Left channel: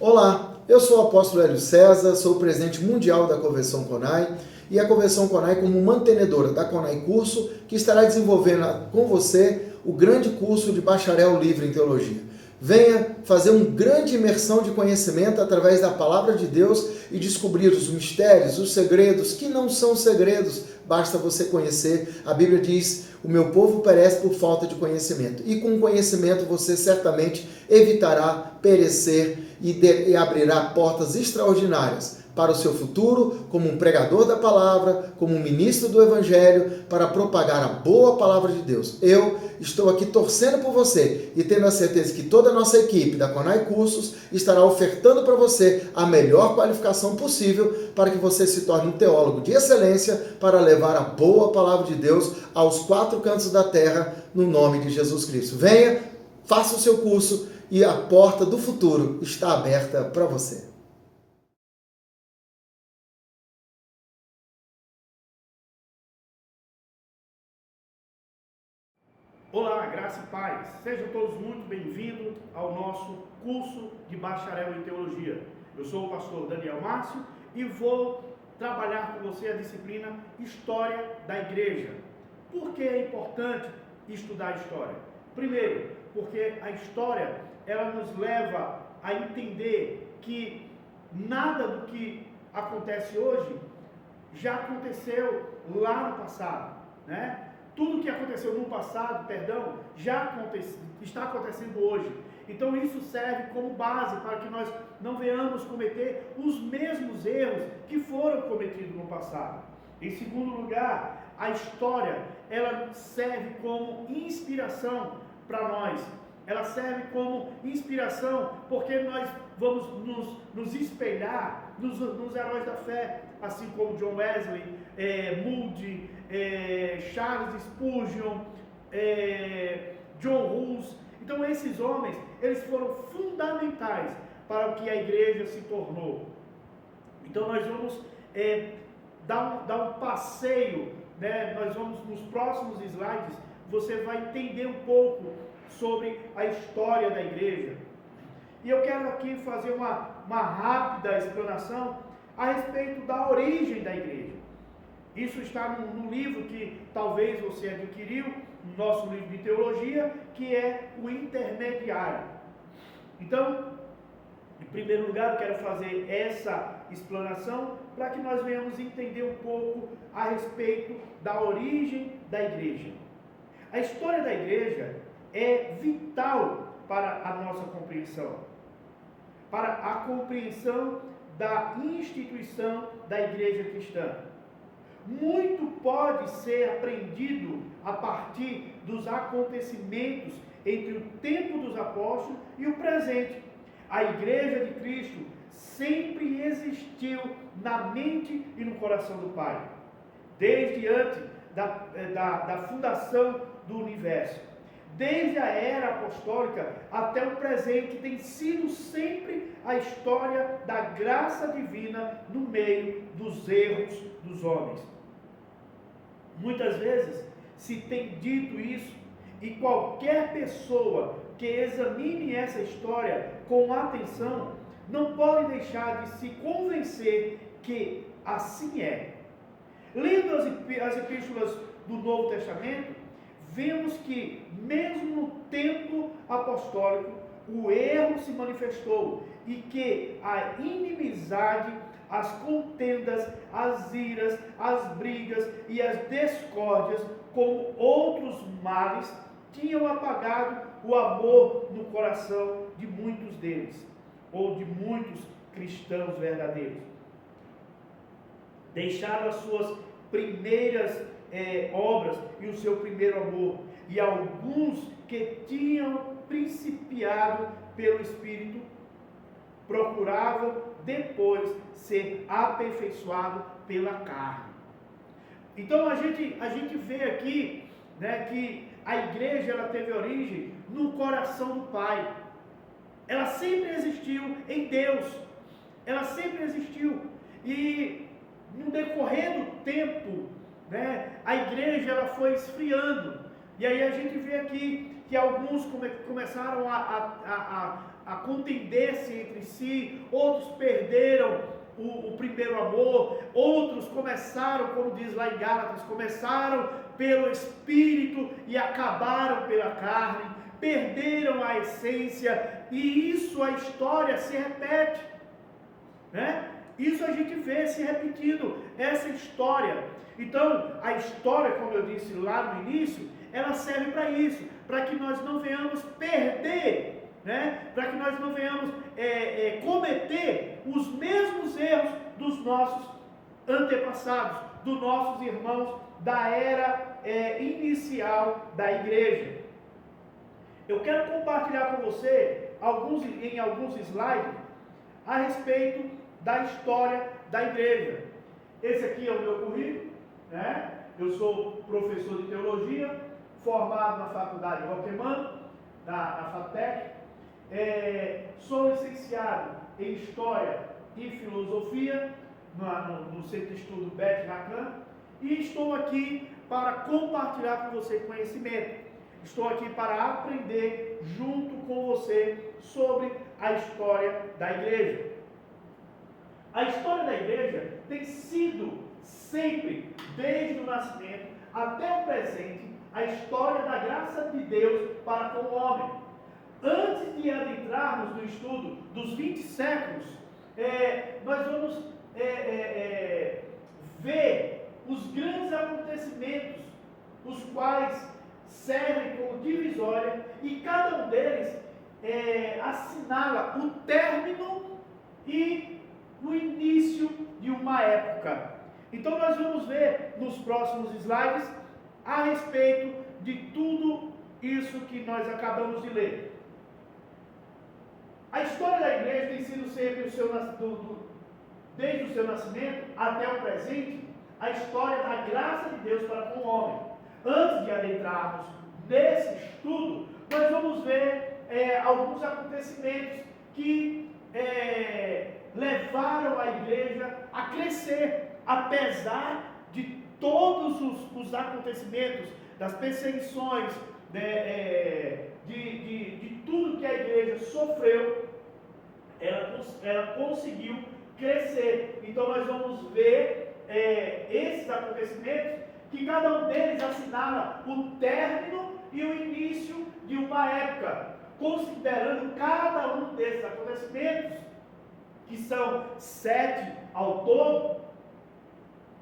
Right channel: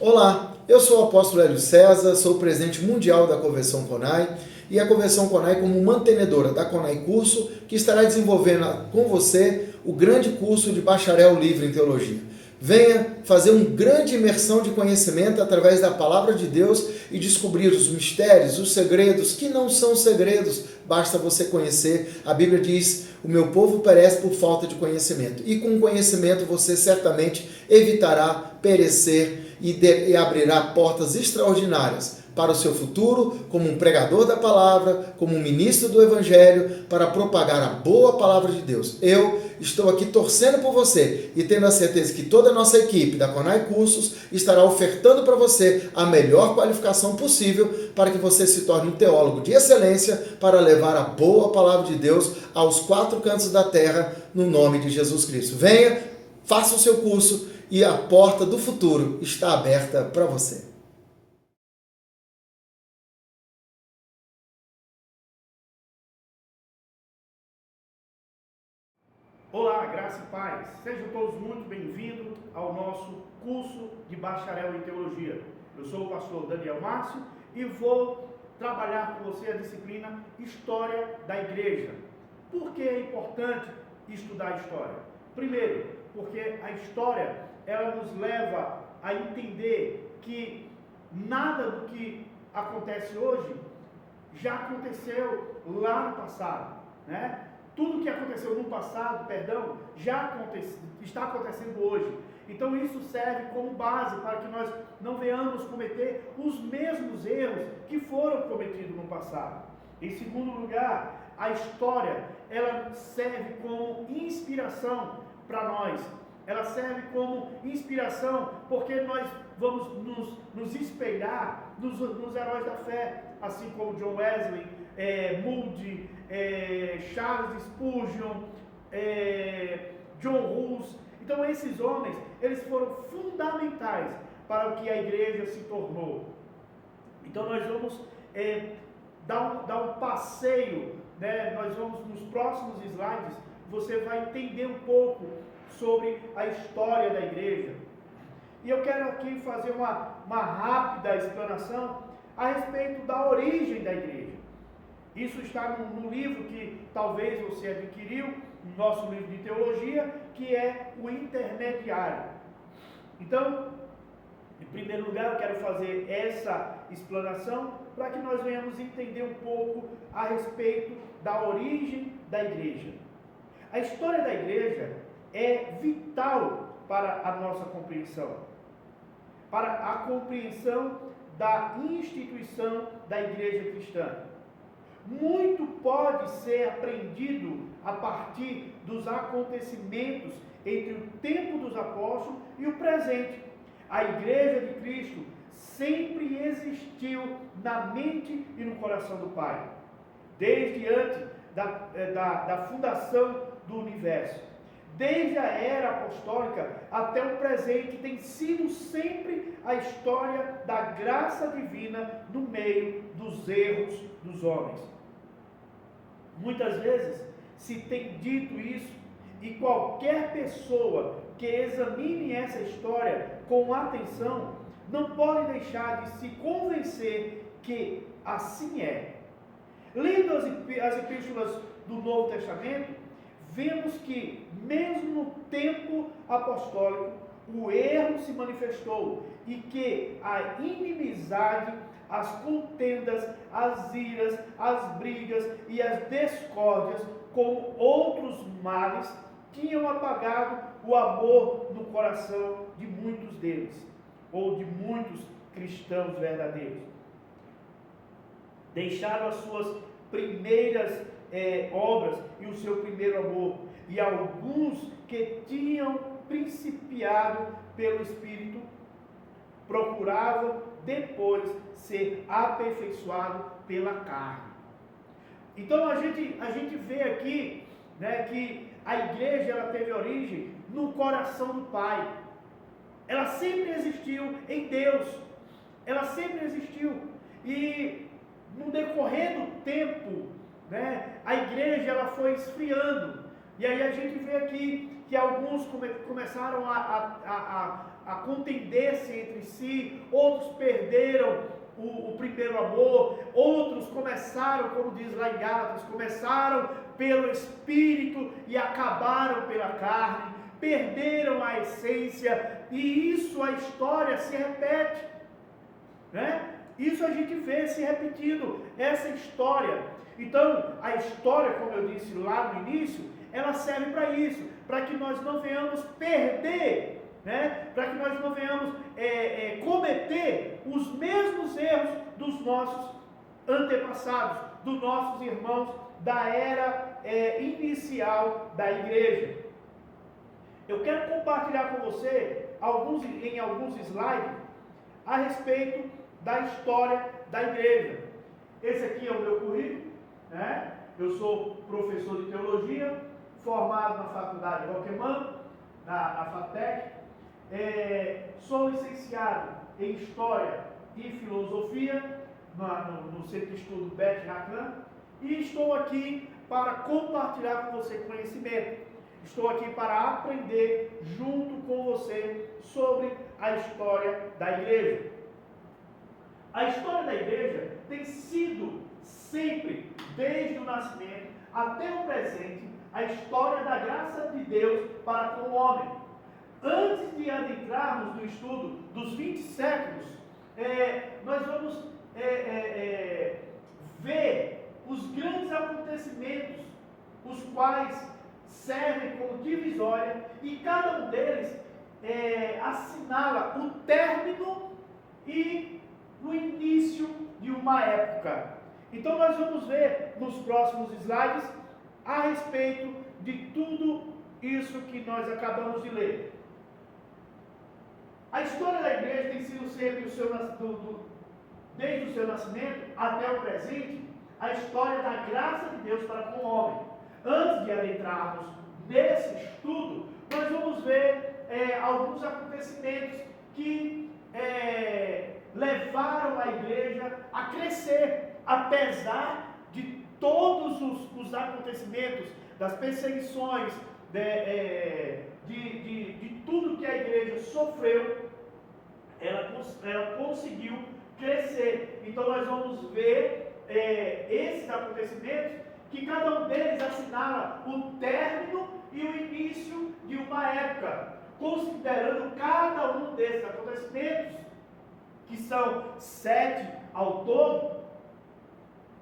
Olá, eu sou o apóstolo Hélio César, sou o presidente mundial da Convenção CONAI e a Convenção CONAI como mantenedora da CONAI Curso, que estará desenvolvendo com você o grande curso de bacharel livre em teologia. Venha fazer uma grande imersão de conhecimento através da palavra de Deus e descobrir os mistérios, os segredos, que não são segredos, basta você conhecer. A Bíblia diz, o meu povo perece por falta de conhecimento. E com conhecimento você certamente evitará perecer e abrirá portas extraordinárias para o seu futuro, como um pregador da palavra, como um ministro do evangelho, para propagar a boa palavra de Deus. Eu estou aqui torcendo por você e tendo a certeza que toda a nossa equipe da CONAI Cursos estará ofertando para você a melhor qualificação possível para que você se torne um teólogo de excelência para levar a boa palavra de Deus aos quatro cantos da terra, no nome de Jesus Cristo. Venha, faça o seu curso e a porta do futuro está aberta para você. Olá, graça e paz. Sejam todos muito bem-vindos ao nosso curso de bacharel em teologia. Eu sou o pastor Daniel Márcio e vou trabalhar com você a disciplina História da Igreja. Por que é importante estudar a história? Primeiro, porque a história ela nos leva a entender que nada do que acontece hoje já aconteceu lá no passado, né? Tudo que aconteceu no passado, está acontecendo hoje. Então isso serve como base para que nós não venhamos cometer os mesmos erros que foram cometidos no passado. Em segundo lugar, a história, ela serve como inspiração para nós. Ela serve como inspiração porque nós vamos nos espelhar nos heróis da fé, assim como John Wesley, Moody, Charles Spurgeon, John Hus. Então esses homens, eles foram fundamentais para o que a igreja se tornou. Então nós vamos dar um passeio, né? Nós vamos nos próximos slides, você vai entender um pouco sobre a história da igreja. E eu quero aqui fazer uma rápida explanação a respeito da origem da igreja. Isso está no livro que talvez você adquiriu, no nosso livro de teologia, que é o Intermediário. Então, em primeiro lugar, eu quero fazer essa explanação para que nós venhamos entender um pouco a respeito da origem da igreja. A história da igreja é vital para a nossa compreensão, para a compreensão da instituição da igreja cristã. Muito pode ser aprendido a partir dos acontecimentos entre o tempo dos apóstolos e o presente. A igreja de Cristo sempre existiu na mente e no coração do Pai, desde antes da fundação do universo. Desde a era apostólica até o presente, tem sido sempre a história da graça divina no meio dos erros dos homens. Muitas vezes se tem dito isso, e qualquer pessoa que examine essa história com atenção não pode deixar de se convencer que assim é. Lendo as epístolas do Novo Testamento, vemos que, mesmo no tempo apostólico, o erro se manifestou e que a inimizade, as contendas, as iras, as brigas e as discórdias, como outros males, tinham apagado o amor no coração de muitos deles, ou de muitos cristãos verdadeiros. Deixaram as suas primeiras obras e o seu primeiro amor, e alguns que tinham principiado pelo Espírito procuravam depois ser aperfeiçoado pela carne. Então a gente vê aqui, né, que a igreja ela teve origem no coração do Pai. Ela sempre existiu em Deus. Ela sempre existiu. E no decorrer do tempo, né, a igreja ela foi esfriando. E aí a gente vê aqui que alguns começaram a contender-se entre si, outros perderam o primeiro amor, outros começaram, como diz lá em Gálatas, começaram pelo Espírito e acabaram pela carne, perderam a essência, e isso a história se repete, né? Isso a gente vê se repetindo, essa história. Então, a história, como eu disse lá no início, ela serve para isso, para que nós não venhamos perder, né? Para que nós não venhamos cometer os mesmos erros dos nossos antepassados, dos nossos irmãos da era inicial da igreja. Eu quero compartilhar com você em alguns slides a respeito da história da igreja. Esse aqui é o meu currículo, né? Eu sou professor de teologia, formado na faculdade Roquemã, da FATEC, sou licenciado em História e Filosofia no Centro de Estudo Beth Racan, e estou aqui para compartilhar com você conhecimento. Estou aqui para aprender junto com você sobre a história da igreja. A história da igreja tem sido sempre, desde o nascimento até o presente, a história da graça de Deus para com o homem. Antes de adentrarmos no estudo dos 20 séculos, nós vamos ver os grandes acontecimentos, os quais servem como divisória, e cada um deles assinala o término e o início de uma época. Então nós vamos ver nos próximos slides a respeito de tudo isso que nós acabamos de ler. A história da igreja tem sido sempre desde o seu nascimento até o presente, a história da graça de Deus para com o homem. Antes de adentrarmos nesse estudo, nós vamos ver alguns acontecimentos que levaram a igreja a crescer, apesar de todos os acontecimentos, das perseguições, de tudo que a igreja sofreu, ela conseguiu crescer. Então nós vamos ver esses acontecimentos, que cada um deles assinala o término e o início de uma época. Considerando cada um desses acontecimentos, que são 7 ao todo,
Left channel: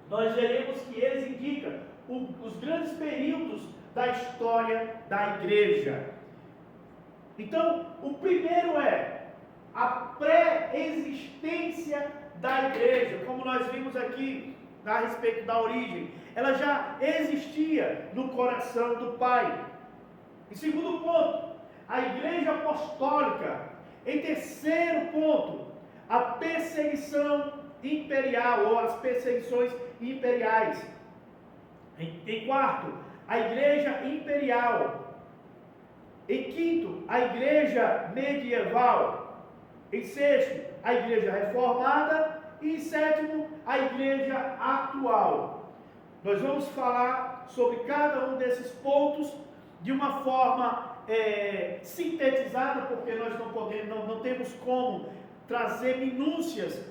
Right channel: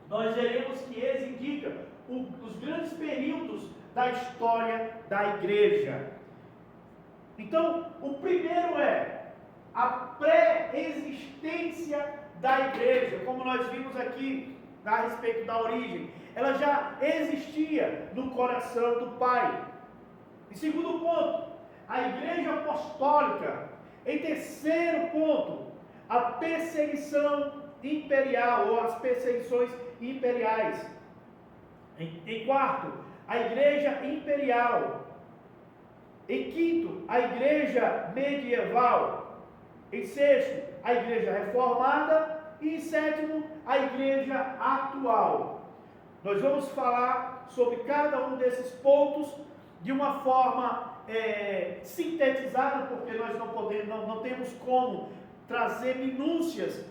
nós veremos que eles indicam os grandes períodos da história da igreja. Então, o primeiro é a pré-existência da igreja, como nós vimos aqui a respeito da origem. Ela já existia no coração do Pai. Em segundo ponto, a igreja apostólica. Em terceiro ponto, a perseguição imperial, ou as perseguições imperiais. Em quarto, a igreja imperial. Em quinto, a igreja medieval. Em sexto, a igreja reformada. E em sétimo, a igreja atual. Nós vamos falar sobre cada um desses pontos de uma forma sintetizada, porque nós não temos como trazer minúcias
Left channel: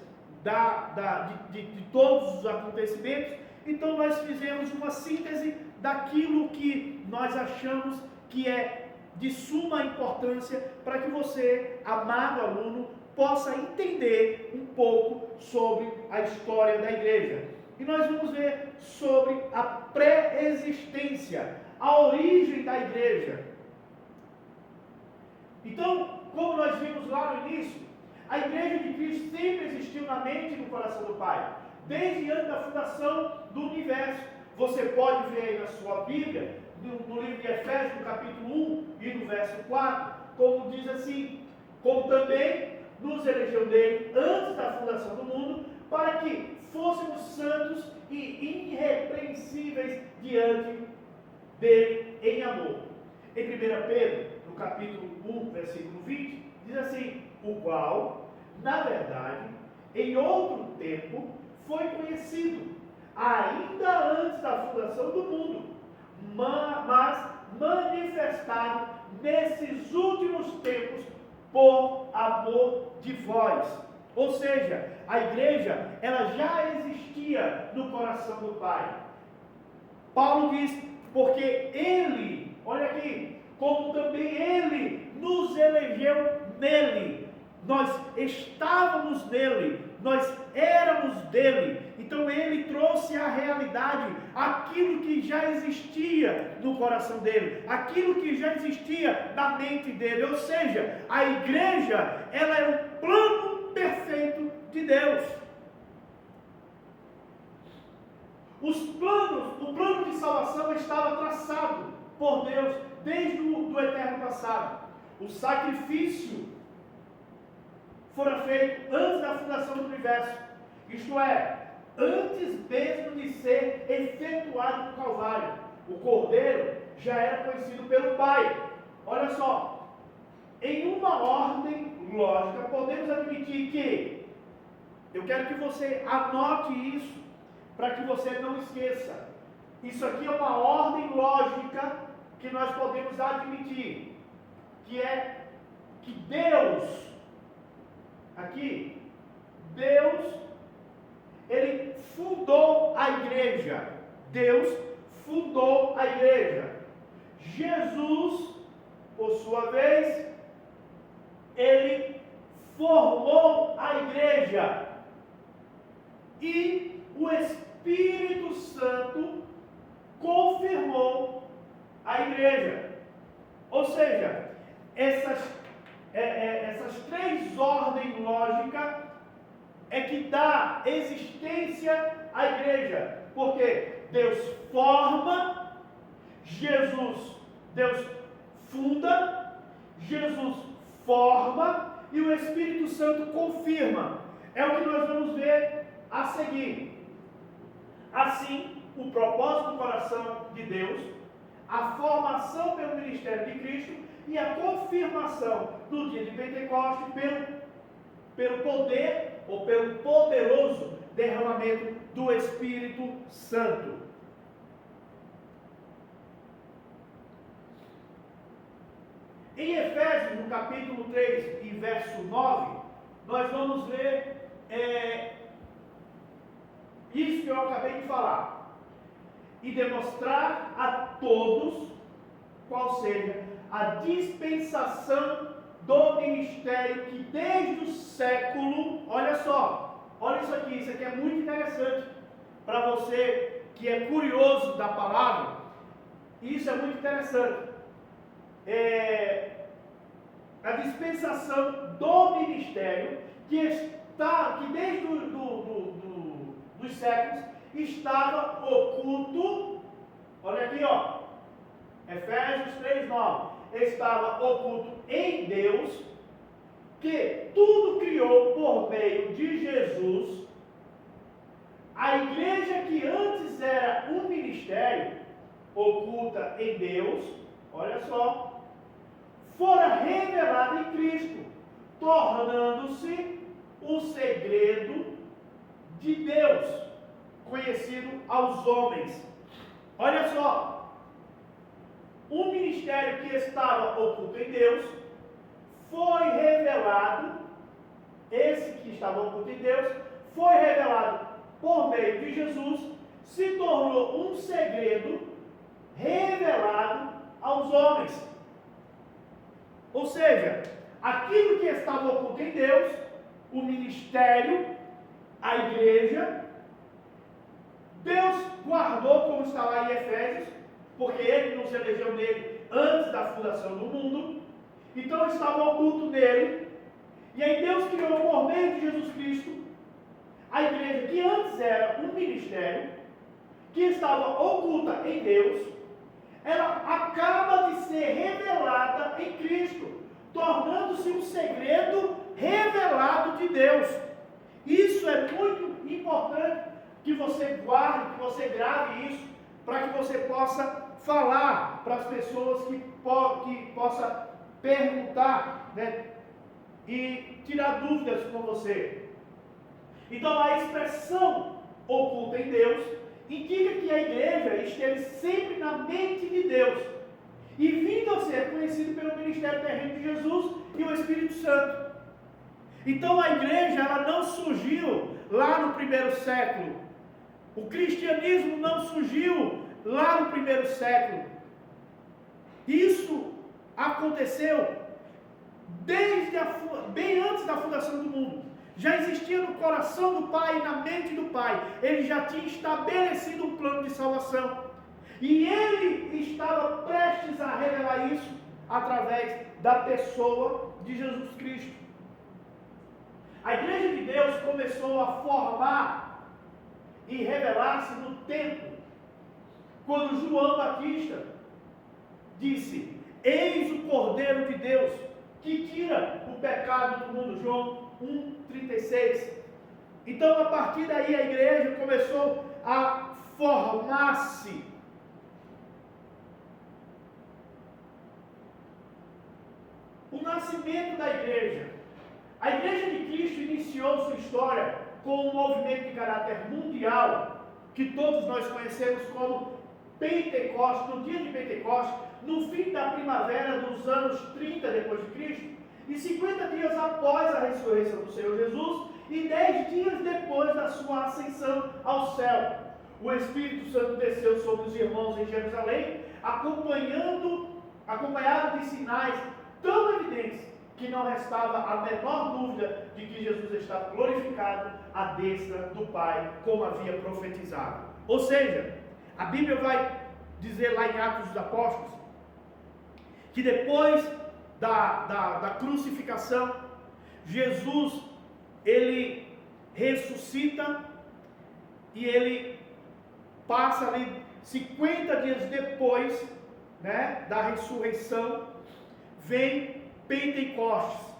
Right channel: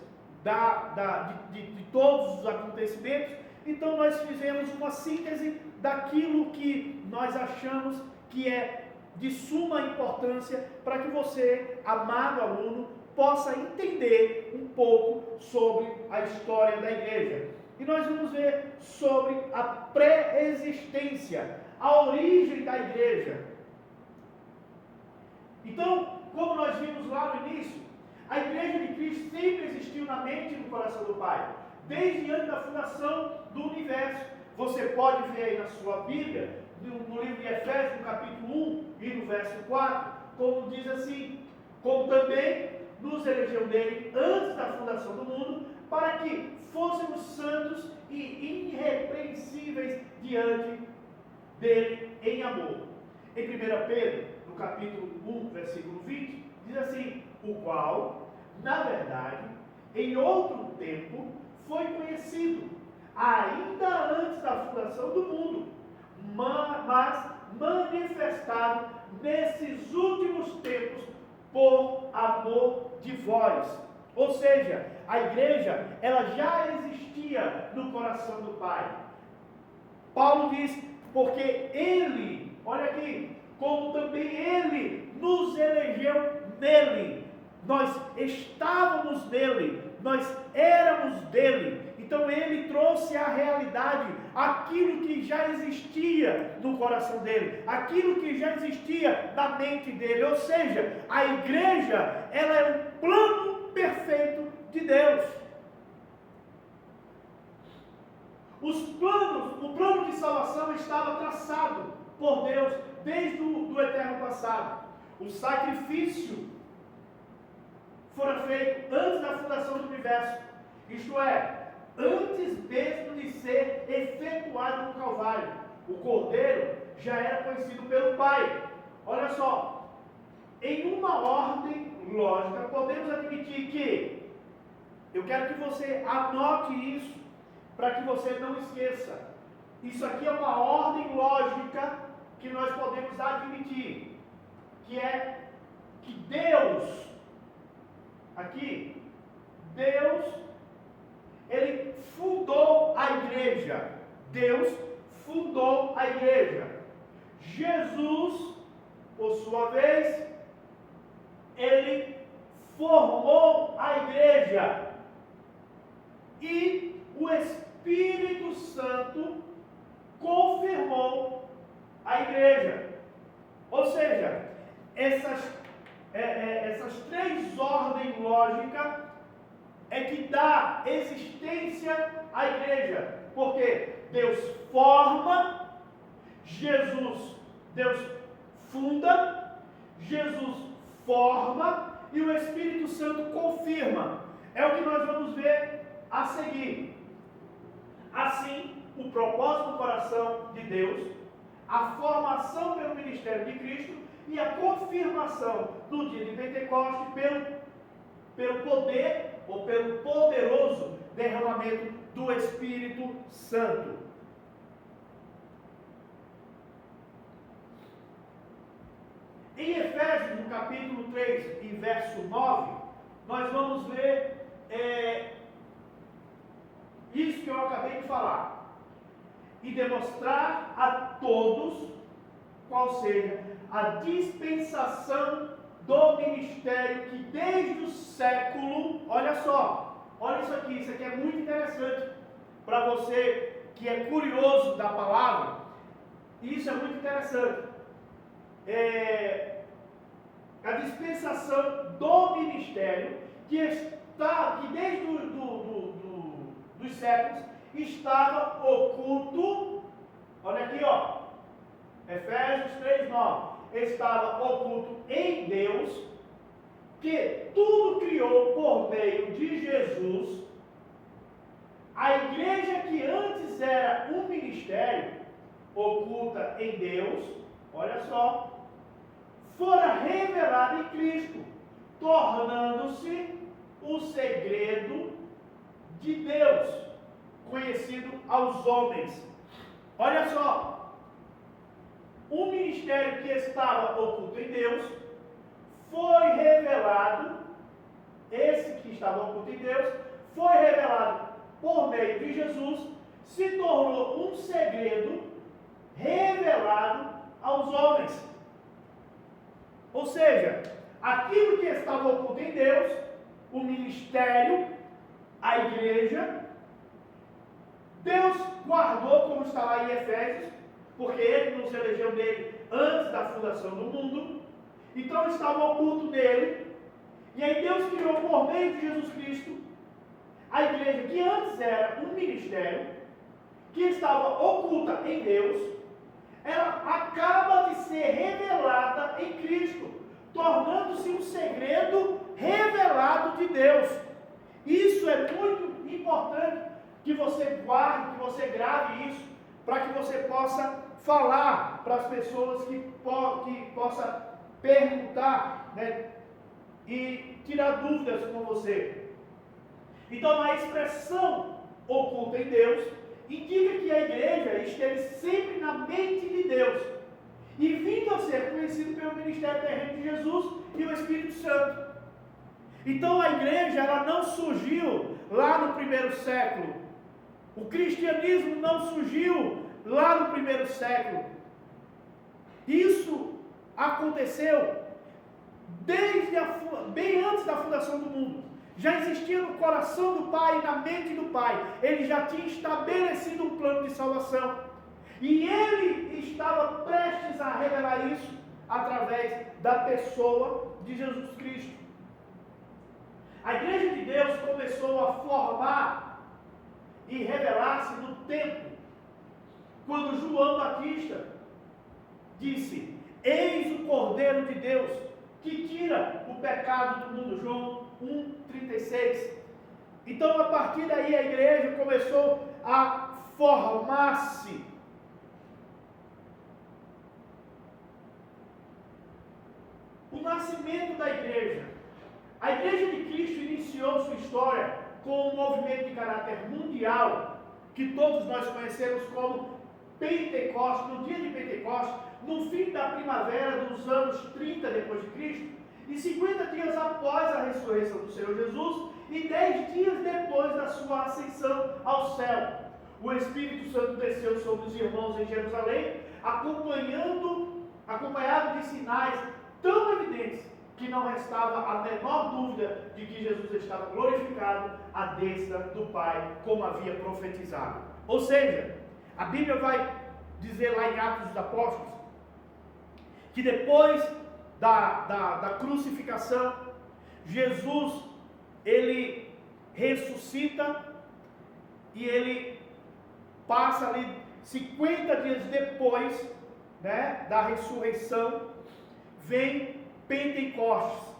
de todos os acontecimentos. Então nós fizemos uma síntese daquilo que nós achamos que é de suma importância para que você, amado aluno, possa entender um pouco sobre a história da igreja. E nós vamos ver sobre a pré-existência, a origem da igreja. Então, como nós vimos lá no início, a igreja de Cristo sempre existiu na mente e no coração do Pai, desde antes da fundação do universo. Você pode ver aí na sua Bíblia, no livro de Efésios, no capítulo 1 e no verso 4, como diz assim: como também nos elegeu dele antes da fundação do mundo, para que fôssemos santos e irrepreensíveis diante dele em amor. Em 1 Pedro, no capítulo 1, versículo 20, diz assim: o qual, na verdade, em outro tempo, foi conhecido, ainda antes da fundação do mundo, mas manifestado nesses últimos tempos por amor de vós. Ou seja, a igreja, ela já existia no coração do Pai. Paulo diz, porque Ele, olha aqui, como também Ele nos elegeu nele. Nós estávamos nele, nós éramos dele. Então Ele trouxe à realidade aquilo que já existia no coração dele, aquilo que já existia na mente dele. Ou seja, a igreja, ela é o plano perfeito de Deus. O plano de salvação estava traçado por Deus desde o eterno passado. O sacrifício fora feito antes da fundação do universo, isto é, antes mesmo de ser efetuado no Calvário. O Cordeiro já era conhecido pelo Pai. Olha só, em uma ordem lógica, podemos admitir que, eu quero que você anote isso, para que você não esqueça. Isso aqui é uma ordem lógica que nós podemos admitir, que é que Deus, aqui, Deus, Ele fundou a igreja. Deus fundou a igreja. Jesus, por sua vez, Ele formou a igreja. E o Espírito Santo confirmou a igreja. Ou seja, essas três ordens lógicas é que dá existência à igreja. Porque Deus forma, Deus funda, Jesus forma e o Espírito Santo confirma. É o que nós vamos ver a seguir. Assim, o propósito do coração de Deus, a formação pelo ministério de Cristo e a confirmação no dia de Pentecostes pelo poder ou pelo poderoso derramamento do Espírito Santo. Em Efésios, no capítulo 3 e verso 9, nós vamos ler isso que eu acabei de falar. E demonstrar a todos qual seja a dispensação do ministério que desde o século, olha só, olha isso aqui é muito interessante para você que é curioso da palavra. Isso é muito interessante. A dispensação do ministério que desde dos séculos estava oculto. Olha aqui, ó, Efésios 3:9, estava oculto em Deus, que tudo criou por meio de Jesus. A igreja que antes era um ministério oculta em Deus, olha só, fora revelada em Cristo, tornando-se o segredo de Deus, conhecido aos homens. Olha só, o ministério que estava oculto em Deus foi revelado, esse que estava oculto em Deus, foi revelado por meio de Jesus, se tornou um segredo revelado aos homens. Ou seja, aquilo que estava oculto em Deus, o ministério, a igreja, Deus guardou, como está lá em Efésios, porque Ele nos elegeu nele antes da fundação do mundo. Então estava oculto nele. E aí Deus criou por meio de Jesus Cristo a igreja que antes era um ministério, que estava oculta em Deus. Ela acaba de ser revelada em Cristo, tornando-se um segredo revelado de Deus. Isso é muito importante que você guarde, que você grave isso, para que você possa falar para as pessoas que possa perguntar, né, e tirar dúvidas com você. Então a expressão oculta em Deus indica que a igreja esteve sempre na mente de Deus e vindo a ser conhecido pelo ministério terreno de Jesus e o Espírito Santo. Então a igreja, ela não surgiu lá no primeiro século. O cristianismo não surgiu lá no primeiro século. Isso aconteceu bem antes da fundação do mundo. Já existia no coração do Pai e na mente do Pai. Ele já tinha estabelecido um plano de salvação. E ele estava prestes a revelar isso através da pessoa de Jesus Cristo. A igreja de Deus começou a formar e revelar-se no tempo, quando João Batista disse: eis o Cordeiro de Deus, que tira o pecado do mundo. João 1,36. Então, a partir daí, a igreja começou a formar-se. O nascimento da igreja. A igreja de Cristo iniciou sua história com um movimento de caráter mundial, que todos nós conhecemos como Pentecostes, no dia de Pentecostes, no fim da primavera dos anos 30 depois de Cristo, e 50 dias após a ressurreição do Senhor Jesus, e 10 dias depois da sua ascensão ao céu. O Espírito Santo desceu sobre os irmãos em Jerusalém, acompanhado de sinais tão evidentes que não restava a menor dúvida de que Jesus estava glorificado à destra do Pai, como havia profetizado. Ou seja, a Bíblia vai dizer lá em Atos dos Apóstolos, que depois da crucificação, Jesus, ele ressuscita e ele passa ali 50 dias depois, né, da ressurreição, vem Pentecostes.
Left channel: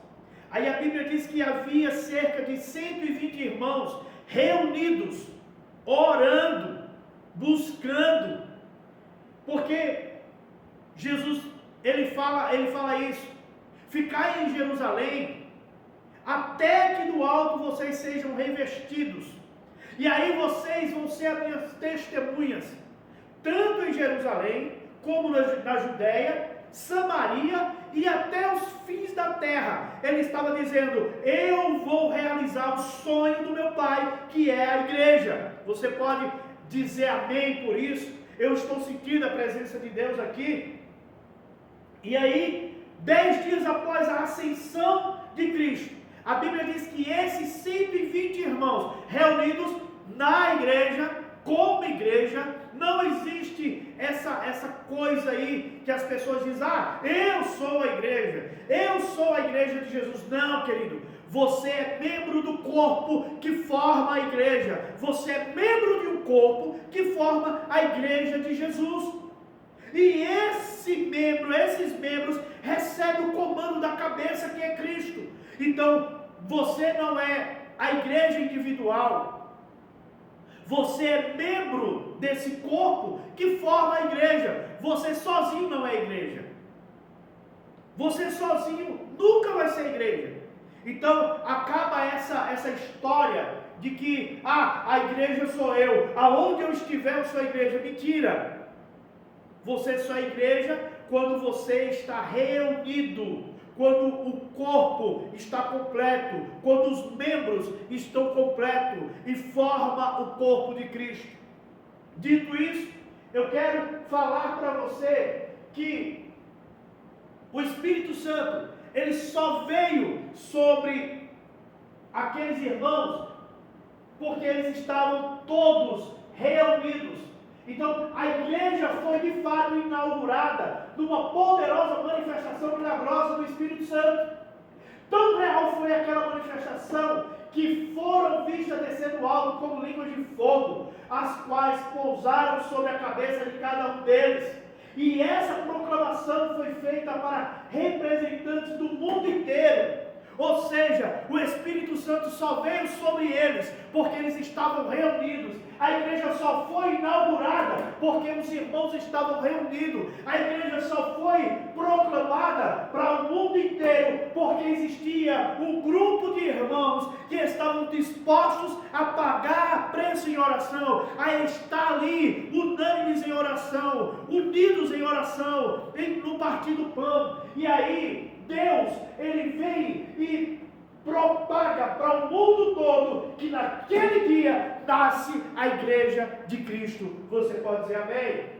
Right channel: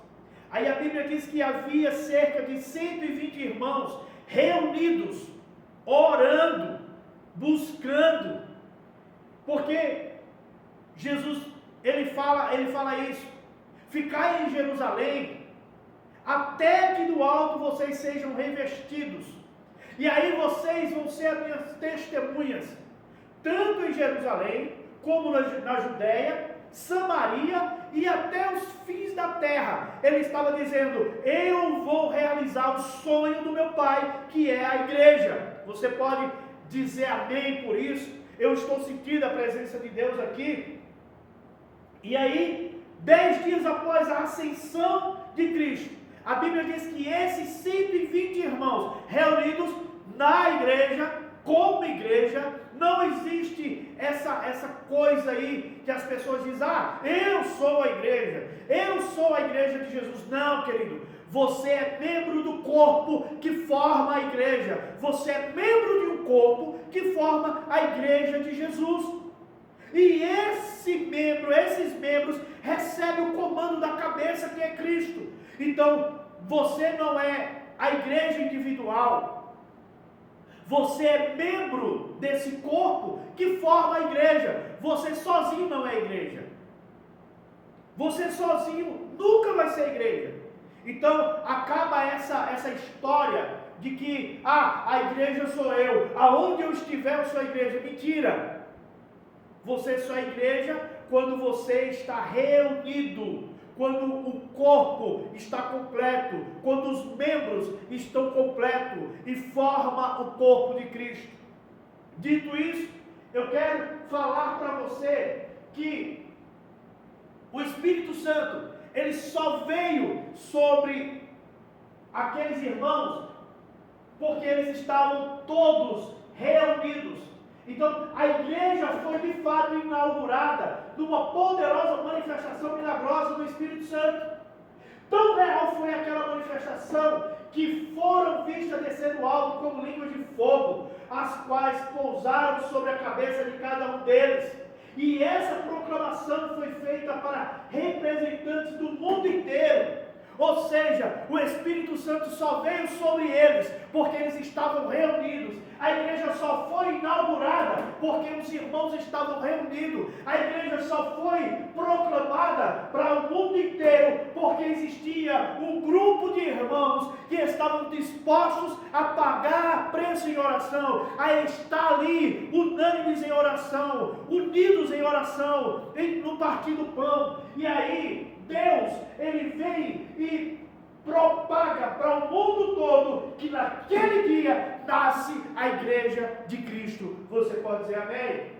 Aí a Bíblia diz que havia cerca de 120 irmãos reunidos, orando, buscando, porque Jesus, ele fala isso: ficai em Jerusalém, até que do alto vocês sejam revestidos, e aí vocês vão ser as minhas testemunhas, tanto em Jerusalém, como na Judéia, Samaria e até os fins da terra. Ele estava dizendo: eu vou realizar o sonho do meu Pai, que é a igreja. Você pode dizer amém por isso? Eu estou sentindo a presença de Deus aqui. E aí, 10 dias após a ascensão de Cristo, a Bíblia diz que esses 120 irmãos reunidos na igreja, como igreja, não existe essa coisa aí que as pessoas dizem: eu sou a igreja de Jesus. Não, querido, você é membro do corpo que forma a igreja, você é membro de um corpo que forma a igreja de Jesus, e esses membros recebem o comando da cabeça, que é Cristo. Então, você não é a igreja individual, você é membro desse corpo que forma a igreja. Você sozinho não é igreja. Você sozinho nunca vai ser igreja. Então acaba essa história de que a igreja sou eu, aonde eu estiver eu sou a igreja. Mentira. Você só é igreja quando você está reunido, quando o corpo está completo, quando os membros estão completos e forma o corpo de Cristo. Dito isso, eu quero falar para você que o Espírito Santo, ele só veio sobre aqueles irmãos porque eles estavam todos reunidos. Então, a igreja foi de fato inaugurada numa poderosa manifestação milagrosa do Espírito Santo. Tão real foi aquela manifestação que foram vistas descer do alto como línguas de fogo, as quais pousaram sobre a cabeça de cada um deles. E essa proclamação foi feita para representantes do mundo inteiro. Ou seja, o Espírito Santo só veio sobre eles porque eles estavam reunidos. A igreja só foi inaugurada porque os irmãos estavam reunidos. A igreja só foi proclamada para o mundo inteiro porque existia um grupo de irmãos que estavam dispostos a pagar preço em oração, a estar ali, unânimes em oração, unidos em oração, no partir do pão. E aí, Deus, Ele vem e propaga para o mundo todo que naquele dia nasce a igreja de Cristo. Você pode dizer amém?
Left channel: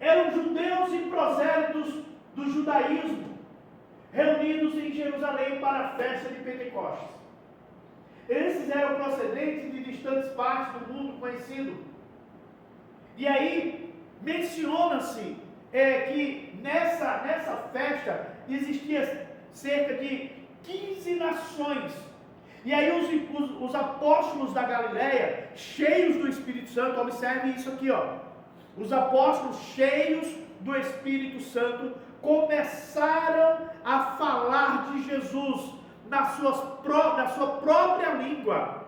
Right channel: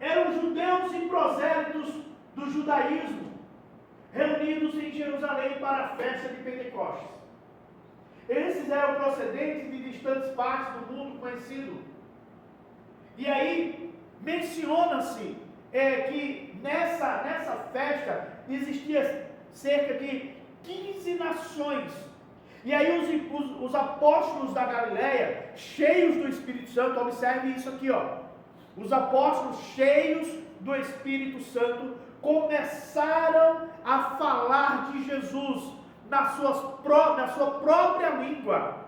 Eram judeus e prosélitos do judaísmo, reunidos em Jerusalém para a festa de Pentecostes. Esses eram procedentes de distantes partes do mundo conhecido. E aí, menciona-se que nessa festa existia cerca de 15 nações. E aí os apóstolos da Galileia, cheios do Espírito Santo, observe isso aqui, ó. Os apóstolos cheios do Espírito Santo começaram a falar de Jesus na sua própria língua.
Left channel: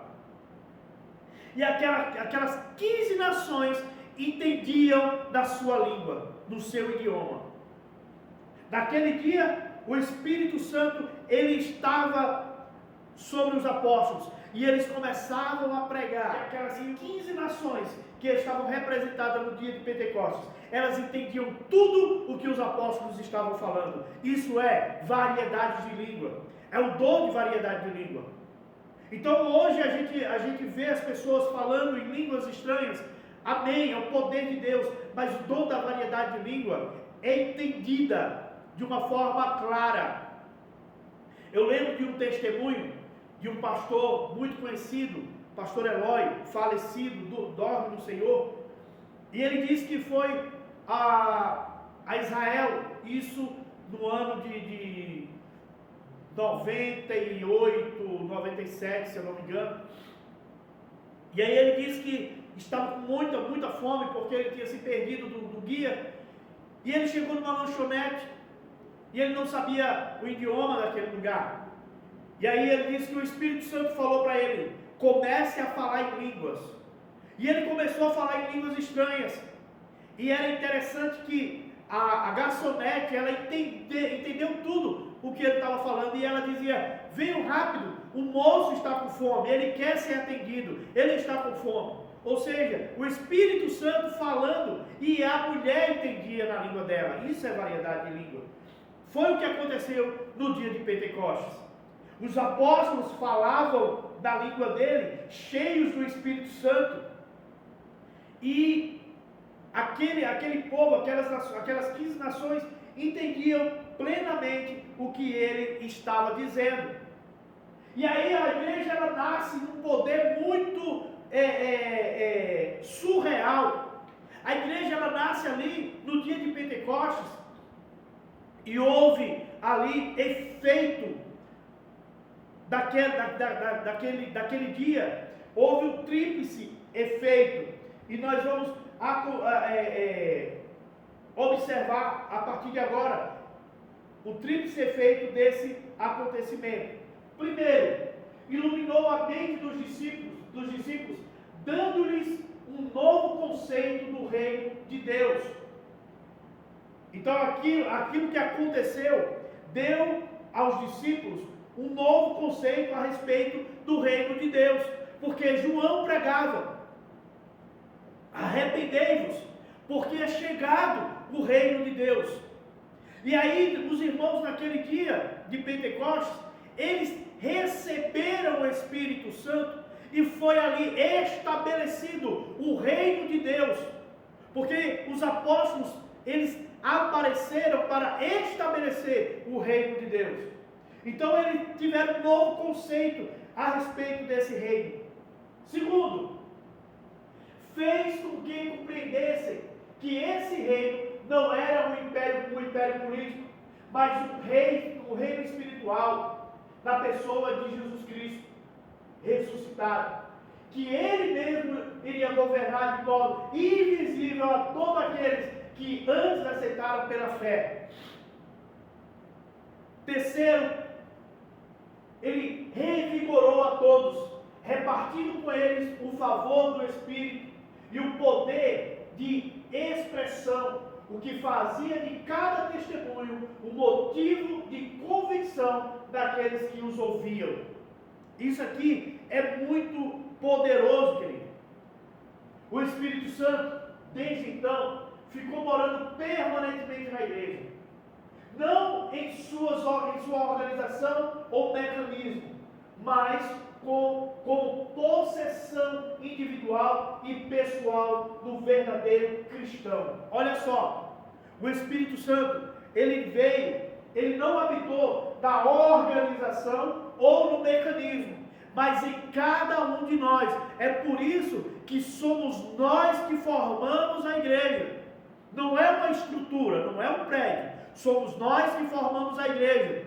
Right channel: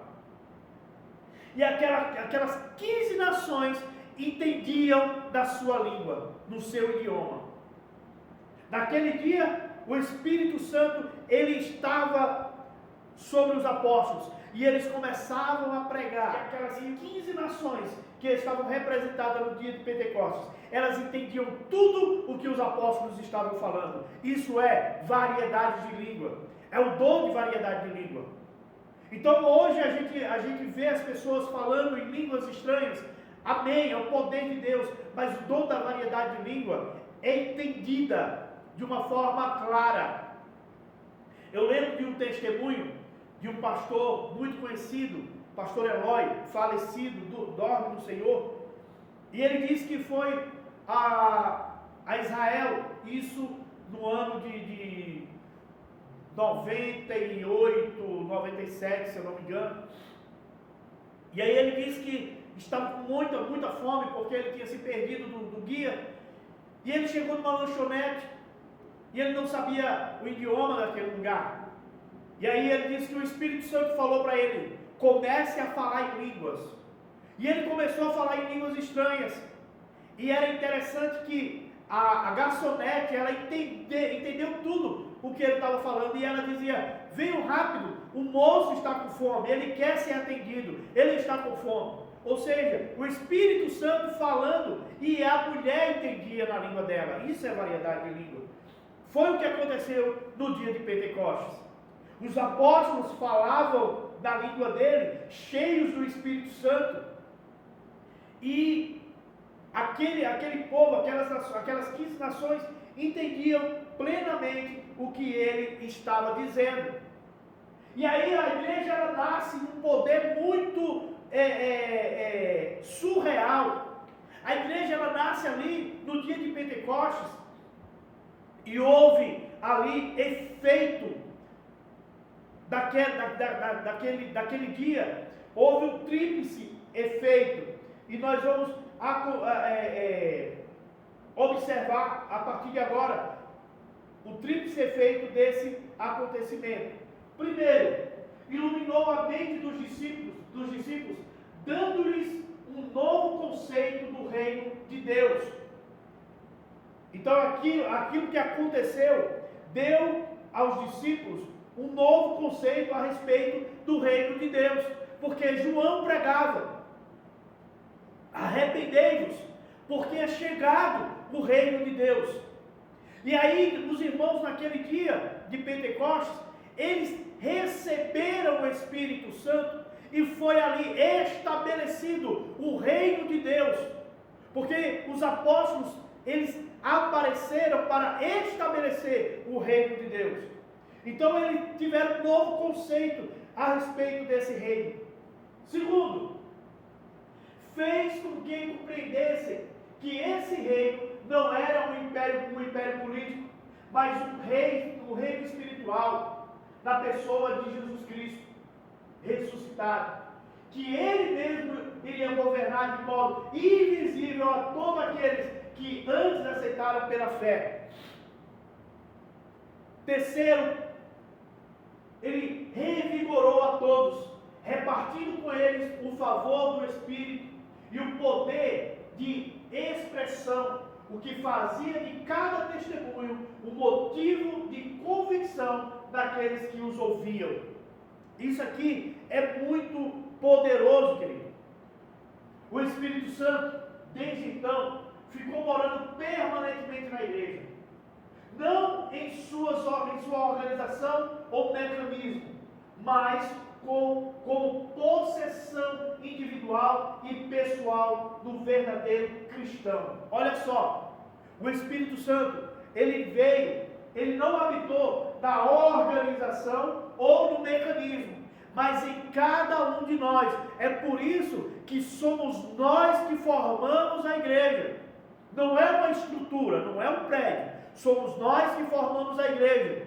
E aquelas 15 nações entendiam da sua língua, no seu idioma. Naquele dia, o Espírito Santo, ele estava sobre os apóstolos, e eles começavam a pregar. Aquelas 15 nações que estavam representadas no dia de Pentecostes, elas entendiam tudo o que os apóstolos estavam falando. Isso é variedade de língua, é o dom de variedade de língua. Então hoje a gente vê as pessoas falando em línguas estranhas. Amém, é o poder de Deus, mas o dom da variedade de língua é entendida de uma forma clara. Eu lembro de um testemunho de um pastor muito conhecido, pastor Eloy, falecido, dorme no Senhor, e ele disse que foi a Israel, isso no ano de 98, 97, se eu não me engano. E aí ele disse que estava com muita fome, porque ele tinha se perdido do guia, e ele chegou numa lanchonete, e ele não sabia o idioma daquele lugar. E aí ele disse que o Espírito Santo falou para ele: comece a falar em línguas. E ele começou a falar em línguas estranhas. E era interessante que a garçonete, ela entendeu tudo o que ele estava falando. E ela dizia: venham rápido, o moço está com fome, ele quer ser atendido, ele está com fome. Ou seja, o Espírito Santo falando e a mulher entendia na língua dela. Isso é variedade de língua. Foi o que aconteceu no dia de Pentecostes. Os apóstolos falavam da língua dele, cheios do Espírito Santo. E aquele povo, aquelas 15 nações, entendiam plenamente o que ele estava dizendo. E aí a igreja, ela nasce num poder muito surreal. A igreja, ela nasce ali no dia de Pentecostes, e houve ali efeito daquele dia. Houve um tríplice efeito, e nós vamos observar a partir de agora o tríplice efeito desse acontecimento. Primeiro, iluminou a mente dos discípulos, dando-lhes um novo conceito do reino de Deus. Então aquilo que aconteceu deu aos discípulos um novo conceito a respeito do reino de Deus, porque João pregava: arrependei-vos, porque é chegado o reino de Deus. E aí os irmãos, naquele dia de Pentecostes, eles receberam o Espírito Santo, e foi ali estabelecido o reino de Deus, porque os apóstolos, eles apareceram para estabelecer o reino de Deus. Então eles tiveram um novo conceito a respeito desse reino. Segundo, fez com que compreendessem que esse reino não era um império político, mas um reino espiritual, na pessoa de Jesus Cristo ressuscitado, que ele mesmo iria governar de modo invisível a todos aqueles que antes aceitaram pela fé. Terceiro, ele revigorou a todos, repartindo com eles o favor do Espírito e o poder de expressão o que fazia de cada testemunho um motivo de convicção daqueles que os ouviam. Isso aqui é muito poderoso, querido. O Espírito Santo, desde então, ficou morando permanentemente na igreja. Não em sua organização ou mecanismo, mas como possessão individual e pessoal do verdadeiro cristão. Olha só, o Espírito Santo, ele não habitou na organização ou no mecanismo, mas em cada um de nós. É por isso que somos nós que formamos a igreja. Não é uma estrutura, não é um prédio. Somos nós que formamos a igreja.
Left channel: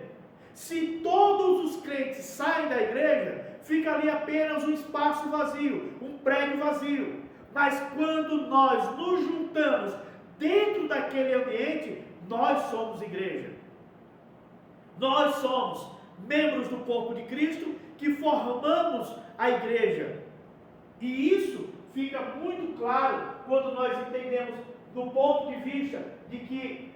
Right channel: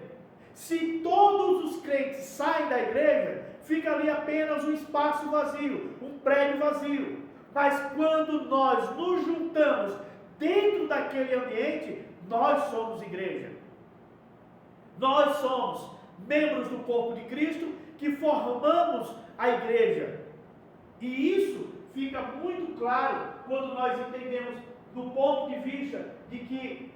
Se todos os crentes saem da igreja, fica ali apenas um espaço vazio, um prédio vazio. Mas quando nós nos juntamos dentro daquele ambiente, nós somos igreja. Nós somos membros do corpo de Cristo que formamos a igreja. E isso fica muito claro quando nós entendemos do ponto de vista de que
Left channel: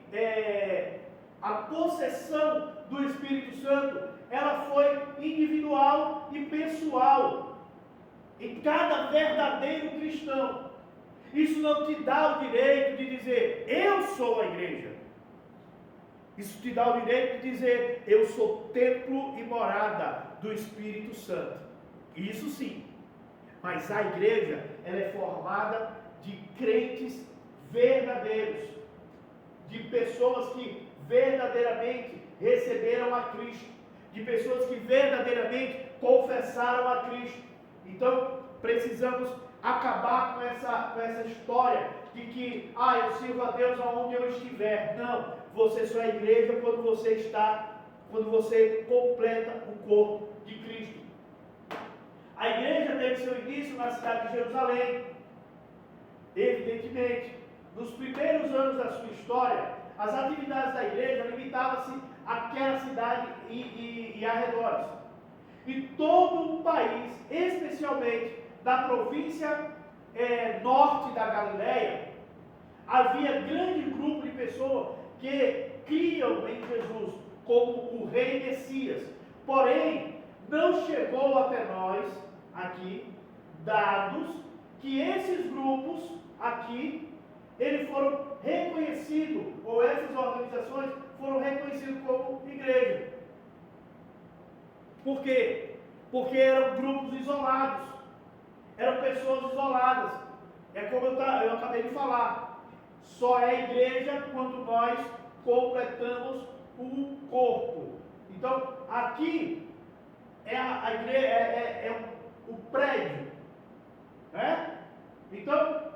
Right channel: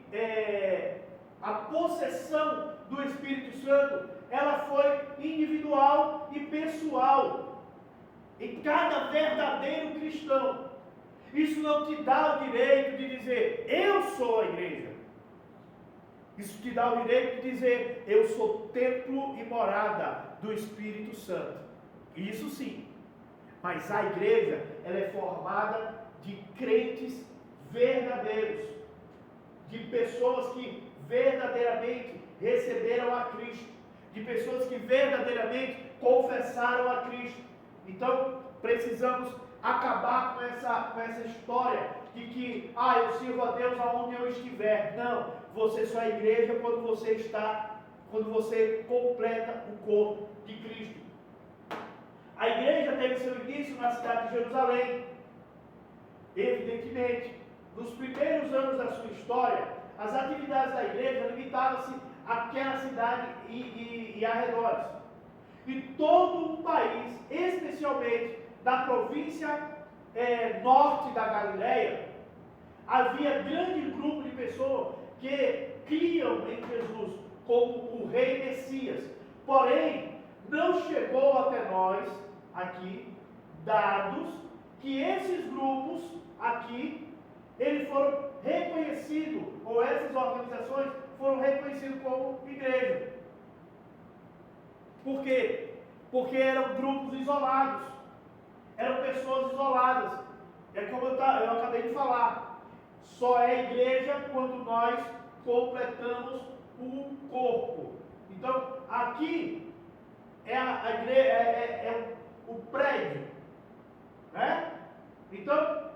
a possessão do Espírito Santo, ela foi individual e pessoal em cada verdadeiro cristão. Isso não te dá o direito de dizer, eu sou a igreja. Isso te dá o direito de dizer, eu sou templo e morada do Espírito Santo. Isso sim. Mas a igreja, ela é formada de crentes verdadeiros, de pessoas que verdadeiramente receberam a Cristo, de pessoas que verdadeiramente confessaram a Cristo. Então, precisamos acabar com essa história de que, eu sirvo a Deus aonde eu estiver. Não, você só é igreja quando você completa o corpo de Cristo. A igreja teve seu início na cidade de Jerusalém. Evidentemente, nos primeiros anos da sua história, as atividades da igreja limitavam-se àquela cidade e arredores. E todo o país, especialmente da província norte da Galileia, havia grande grupo de pessoas que criam em Jesus como o rei Messias. Porém, não chegou até nós aqui dados que esses grupos aqui, eles foram reconhecidos, ou essas organizações foram reconhecidas como igreja. Por quê? Porque eram grupos isolados, eram pessoas isoladas. É como eu acabei de falar, só é igreja quando nós completamos o corpo. Então, aqui é a igreja, é o prédio, né? Então,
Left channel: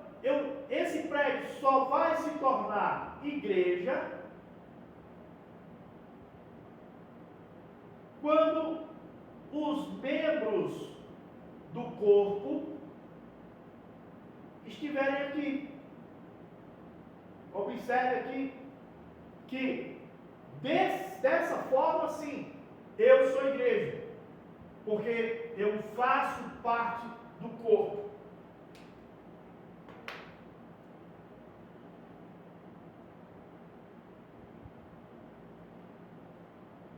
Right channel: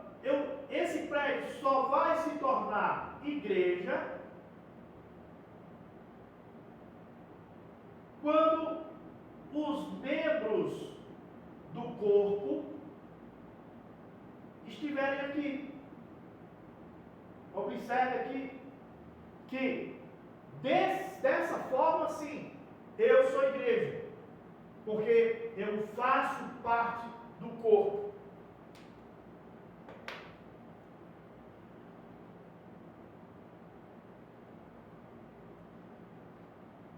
esse prédio só vai se tornar igreja quando os membros do corpo estiverem aqui. Observe aqui que dessa forma, sim, eu sou igreja, porque eu faço parte do corpo.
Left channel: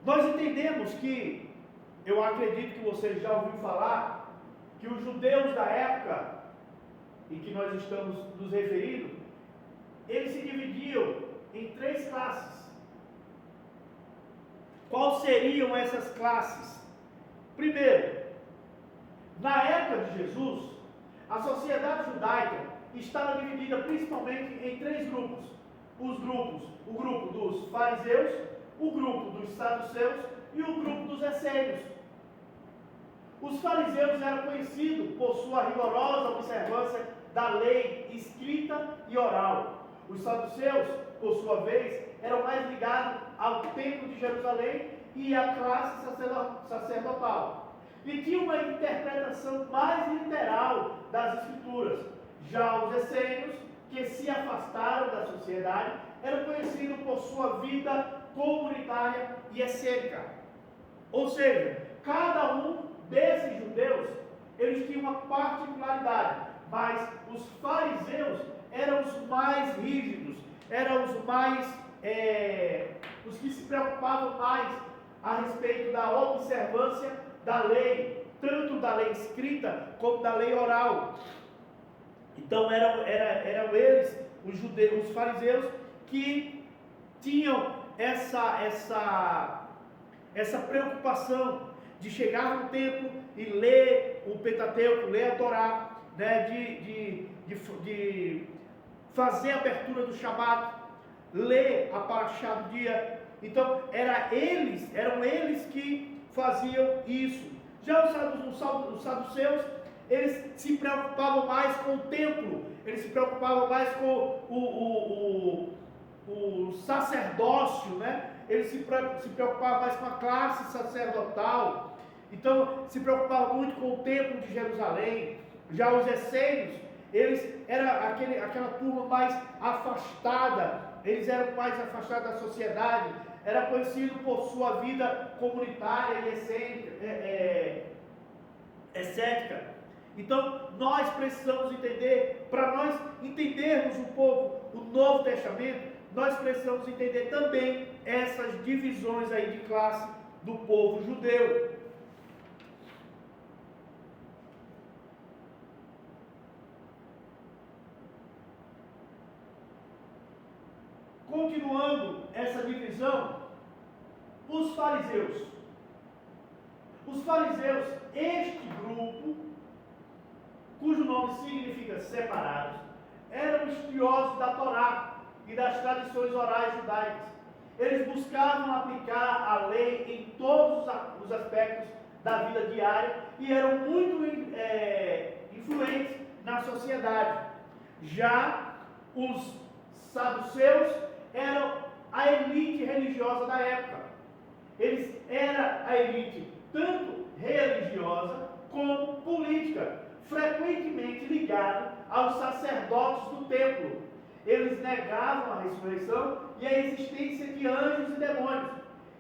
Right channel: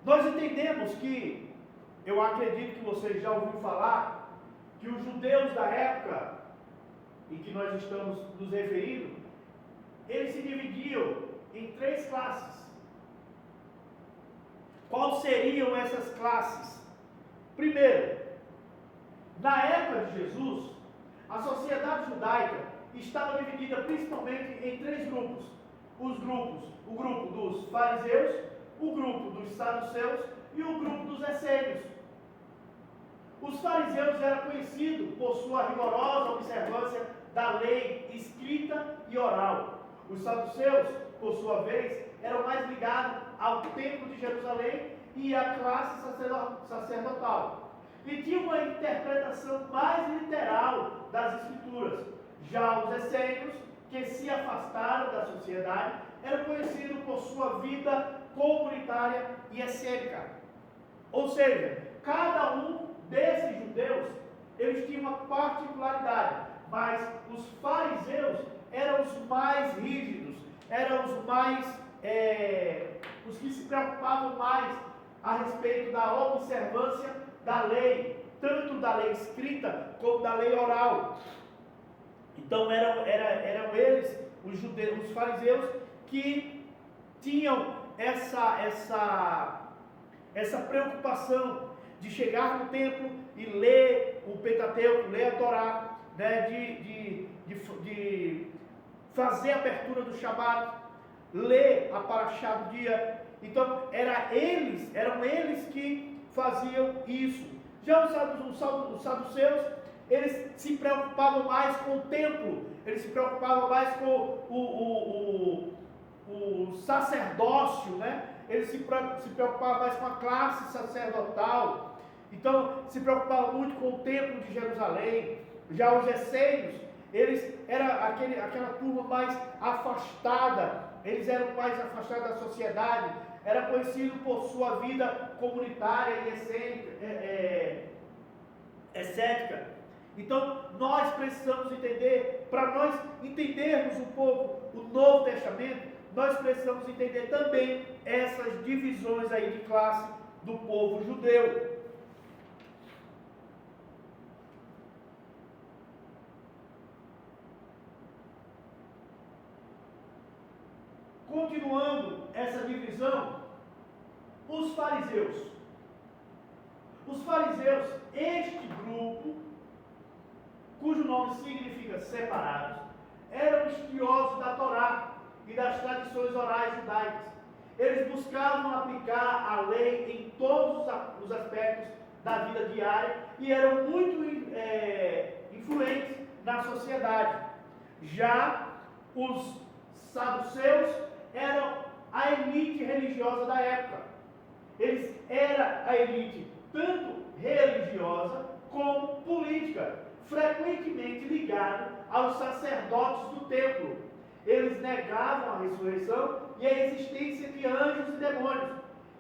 Nós entendemos que, eu acredito que vocês já ouviram falar, que os judeus da época em que nós estamos nos referindo, eles se dividiam em 3 classes. Quais seriam essas classes? Primeiro, na época de Jesus, a sociedade judaica estava dividida principalmente em 3 grupos. O grupo dos fariseus, o grupo dos saduceus e o grupo dos essênios. Os fariseus eram conhecidos por sua rigorosa observância da lei escrita e oral. Os saduceus, por sua vez, eram mais ligados ao templo de Jerusalém e à classe sacerdotal. E tinham uma interpretação mais literal das escrituras. Já os essênios, que se afastaram da sociedade, eram conhecidos por sua vida comunitária e excêntrica. Ou seja, cada um desses judeus, eles tinham uma particularidade, mas os fariseus eram os mais rígidos eram os que se preocupavam mais a respeito da observância da lei, tanto da lei escrita como da lei oral. Então eram eles, os judeus, os fariseus, que tinham essa preocupação de chegar no templo e ler o Pentateuco, ler a Torá, né, de fazer a abertura do Shabat, ler a Parashá do dia. Então eram eles que faziam isso. Já os saduceus, eles se preocupavam mais com o templo, eles se preocupavam mais com o sacerdócio, né? Eles se preocupavam mais com a classe sacerdotal. Então se preocupavam muito com o templo de Jerusalém. Já os essênios, eles eram aquela turma mais afastada, eles eram mais afastados da sociedade, era conhecido por sua vida comunitária e excéntrica. Então nós precisamos entender, para nós entendermos um pouco o Novo Testamento, nós precisamos entender também essas divisões aí de classe do povo judeu. Continuando essa divisão, os fariseus. Os fariseus, este grupo, cujo nome significa separados, eram estudiosos da Torá e das tradições orais judaicas. Eles buscavam aplicar a lei em todos os aspectos da vida diária e eram muito influentes na sociedade. Já os saduceus eram a elite religiosa da época. Eles eram a elite tanto religiosa como política, frequentemente ligado aos sacerdotes do templo. Eles negavam a ressurreição e a existência de anjos e demônios,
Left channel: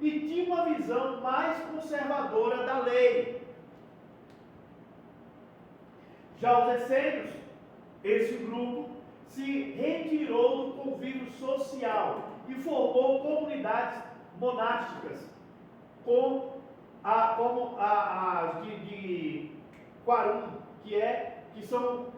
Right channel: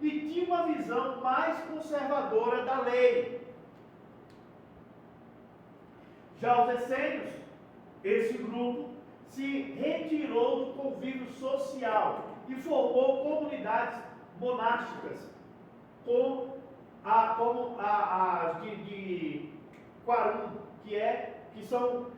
e tinham uma visão mais conservadora da lei. Já os essênios, esse grupo se retirou do convívio social e formou comunidades monásticas, como as de Quarum, que são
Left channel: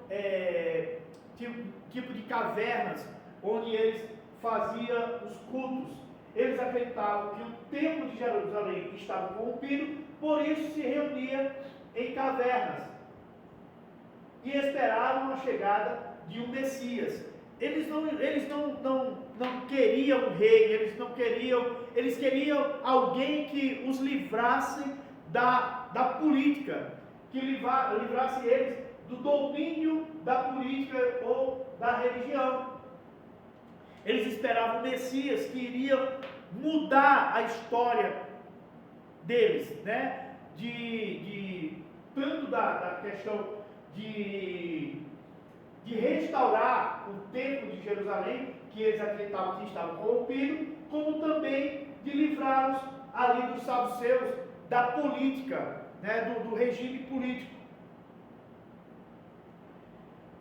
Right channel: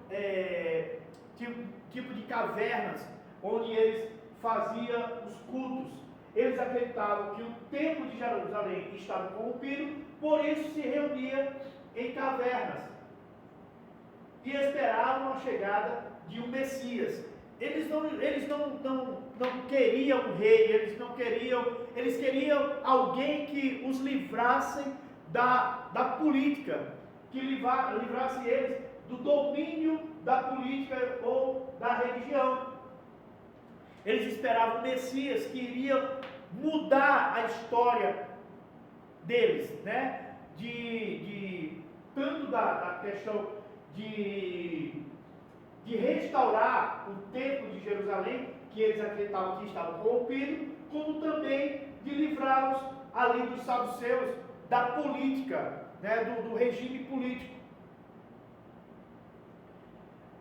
tipo de cavernas, onde eles faziam os cultos. Eles acreditavam que o templo de Jerusalém estava corrompido, por isso se reunia em cavernas e esperavam a chegada de um Messias. Eles não queriam um rei, eles queriam alguém que os livrasse da política, que livrasse eles do domínio da política ou da religião. Eles esperavam um Messias que iria mudar a história deles, né? Tanto da questão de restaurar o templo de Jerusalém, que eles acreditavam que estava corrompido, como também de livrá-los ali dos saduceus, da política, né, do regime político.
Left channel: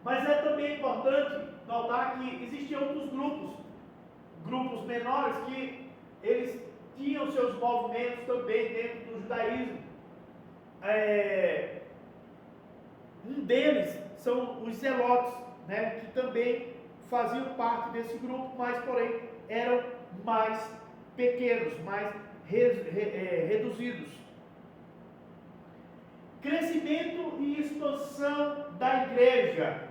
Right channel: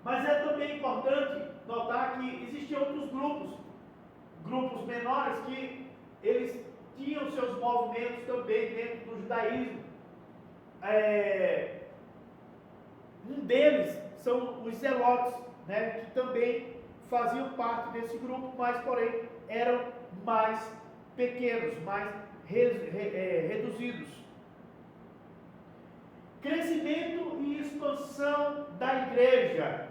Mas é também importante notar que existiam outros grupos menores, que eles tinham seus movimentos também dentro do judaísmo. Um deles são os zelotes, né, que também faziam parte desse grupo, mas porém eram mais pequenos, mais reduzidos. Crescimento e expansão da igreja.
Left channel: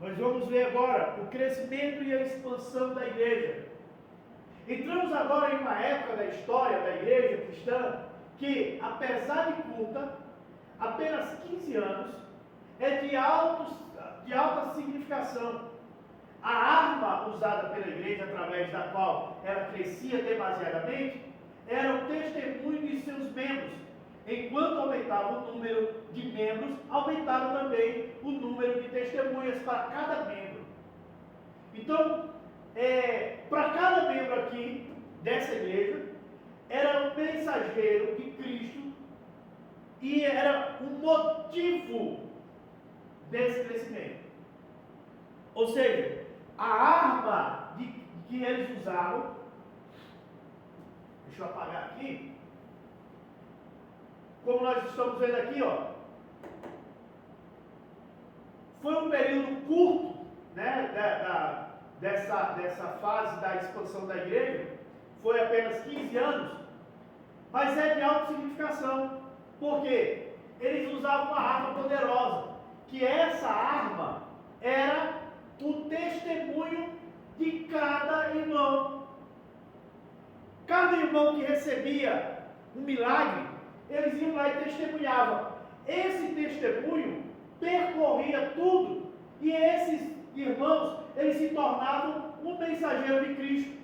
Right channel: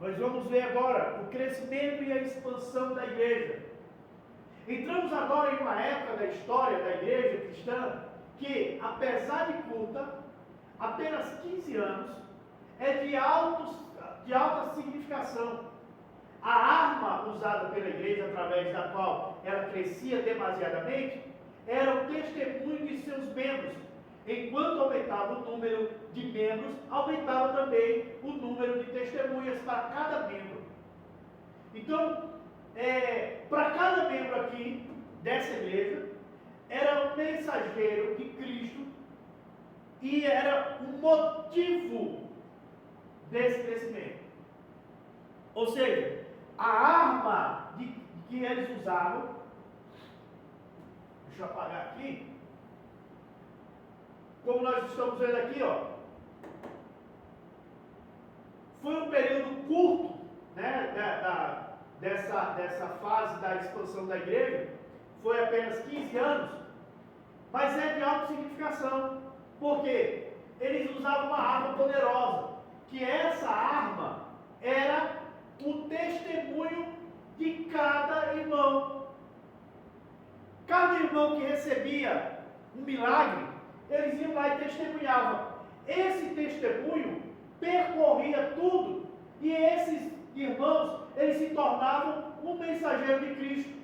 Nós vamos ver agora o crescimento e a expansão da igreja. Entramos agora em uma época da história da igreja cristã que, apesar de curta, apenas 15 anos, é de alta significação. A arma usada pela igreja, através da qual ela crescia demasiadamente, era o testemunho de seus membros. Enquanto aumentava o número de membros, aumentava também o número de testemunhas para cada membro. Então, para cada membro aqui dessa igreja, era um mensageiro de Cristo e era um motivo desse crescimento. Ou seja, a arma que eles usavam, deixa eu apagar aqui, como nós estamos vendo aqui, ó, foi um período curto, né, dessa fase da expansão da igreja, foi apenas 15 anos, mas é de alta significação, porque eles usavam uma arma poderosa, que essa arma era o testemunho de cada irmão. Cada irmão que recebia um milagre, eles iam lá e testemunhavam. Esse testemunho percorria tudo, e esses irmãos, eles se tornavam um mensageiro de Cristo.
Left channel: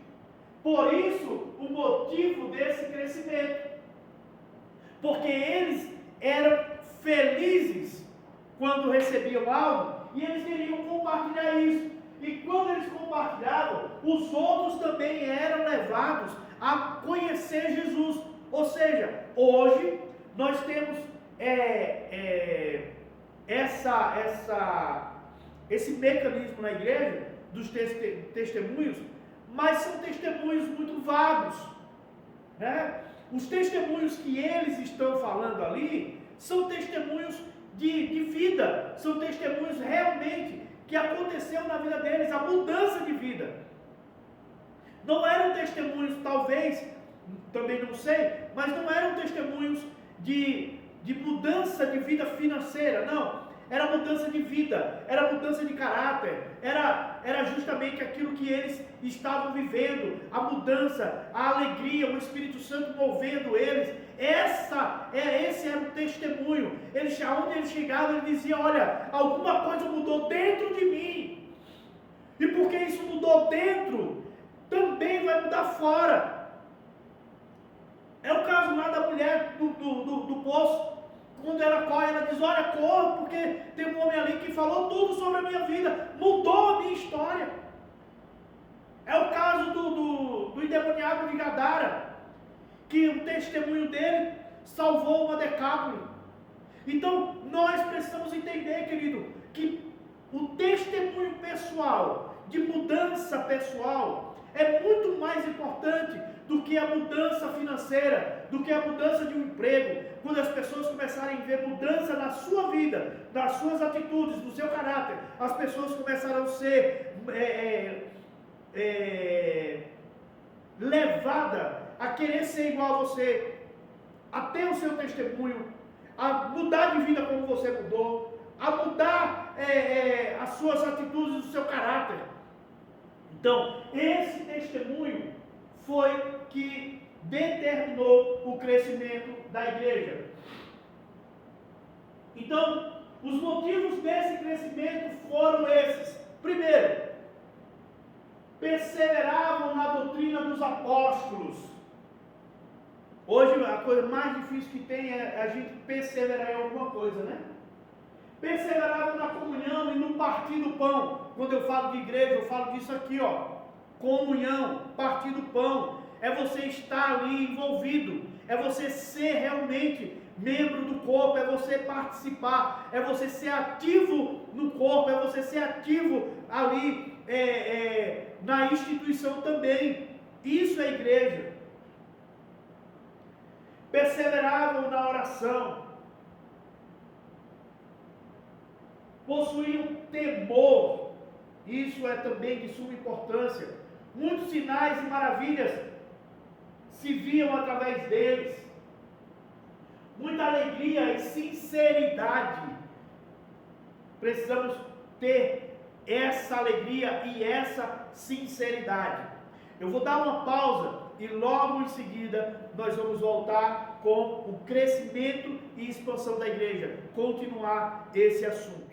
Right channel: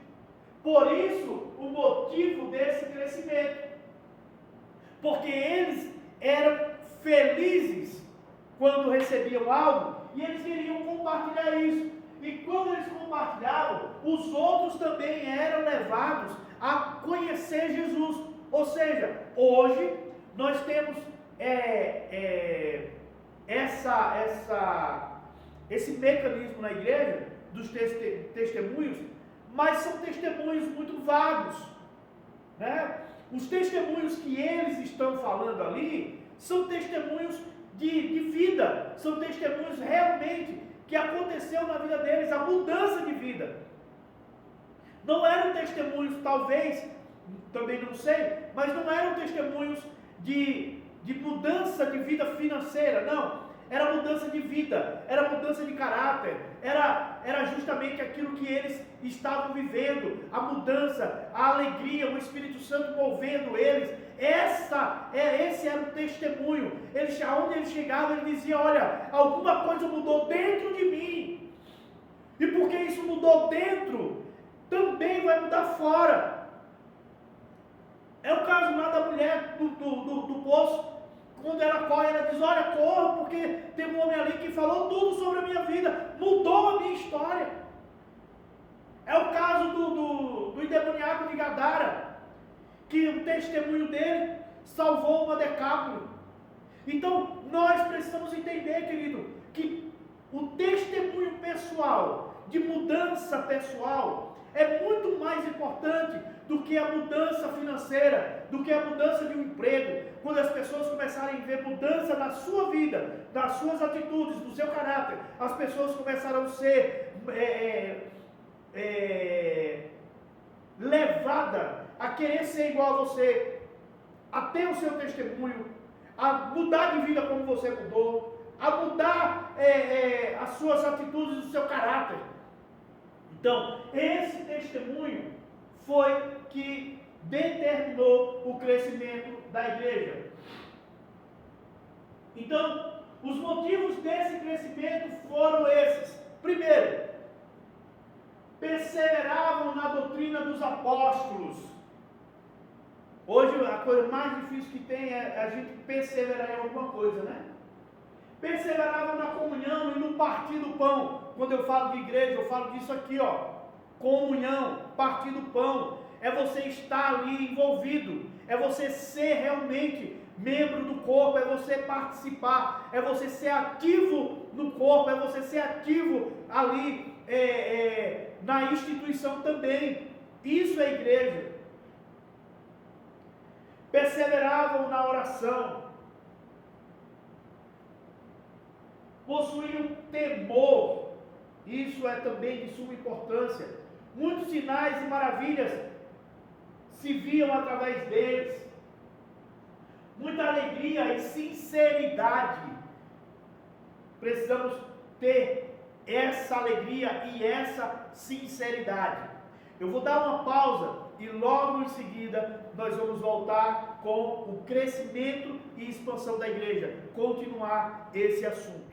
Por isso, o motivo desse crescimento, porque eles eram felizes quando recebiam algo, e eles queriam compartilhar isso. E quando eles compartilhavam, os outros também eram levados a conhecer Jesus. Ou seja, hoje nós temos esse mecanismo na igreja dos testemunhos, mas são testemunhos muito vagos, né? Os testemunhos que eles estão falando ali são testemunhos de vida, são testemunhos realmente que aconteceu na vida deles, a mudança de vida. Não eram testemunhos, talvez, também não sei, mas não eram testemunhos de mudança de vida financeira, não. Era mudança de vida, era mudança de caráter, era justamente aquilo que eles estavam vivendo, a mudança, a alegria, o Espírito Santo movendo eles. Esse era o testemunho. Aonde eles chegavam, ele dizia: olha, alguma coisa mudou dentro de mim, e porque isso mudou dentro, também vai mudar fora. É o caso lá da mulher do poço. Quando ela corre, ela diz: olha, corra, porque tem um homem ali que falou tudo sobre a minha vida, mudou a minha história. É o caso do endemoniado de Gadara, que o testemunho dele salvou uma Decápole. Então, nós precisamos entender, querido, que o testemunho pessoal, de mudança pessoal, é muito mais importante do que a mudança financeira, do que a mudança de um emprego. Quando as pessoas começarem a ver mudança na sua vida, nas suas atitudes, no seu caráter, as pessoas começarão a ser levadas a querer ser igual a você, a ter o seu testemunho, a mudar de vida como você mudou, a mudar as suas atitudes, o seu caráter. Então, esse testemunho foi que determinou o crescimento da igreja. Então, os motivos desse crescimento foram esses. Primeiro, perseveravam na doutrina dos apóstolos. Hoje, a coisa mais difícil que tem é a gente perseverar em alguma coisa, né? Perseveravam na comunhão e no partir do pão. Quando eu falo de igreja, eu falo disso aqui, ó. Comunhão, partir do pão. É você estar ali envolvido. É você ser realmente membro do corpo. É você participar. É você ser ativo no corpo. É você ser ativo ali na instituição também. Isso é igreja. Perseveravam na oração. Possuíam temor, isso é também de suma importância. Muitos sinais e maravilhas se viam através deles. Muita alegria e sinceridade. Precisamos ter essa alegria e essa sinceridade. Eu vou dar uma pausa e logo em seguida nós vamos voltar com o crescimento e expansão da igreja, continuar esse assunto.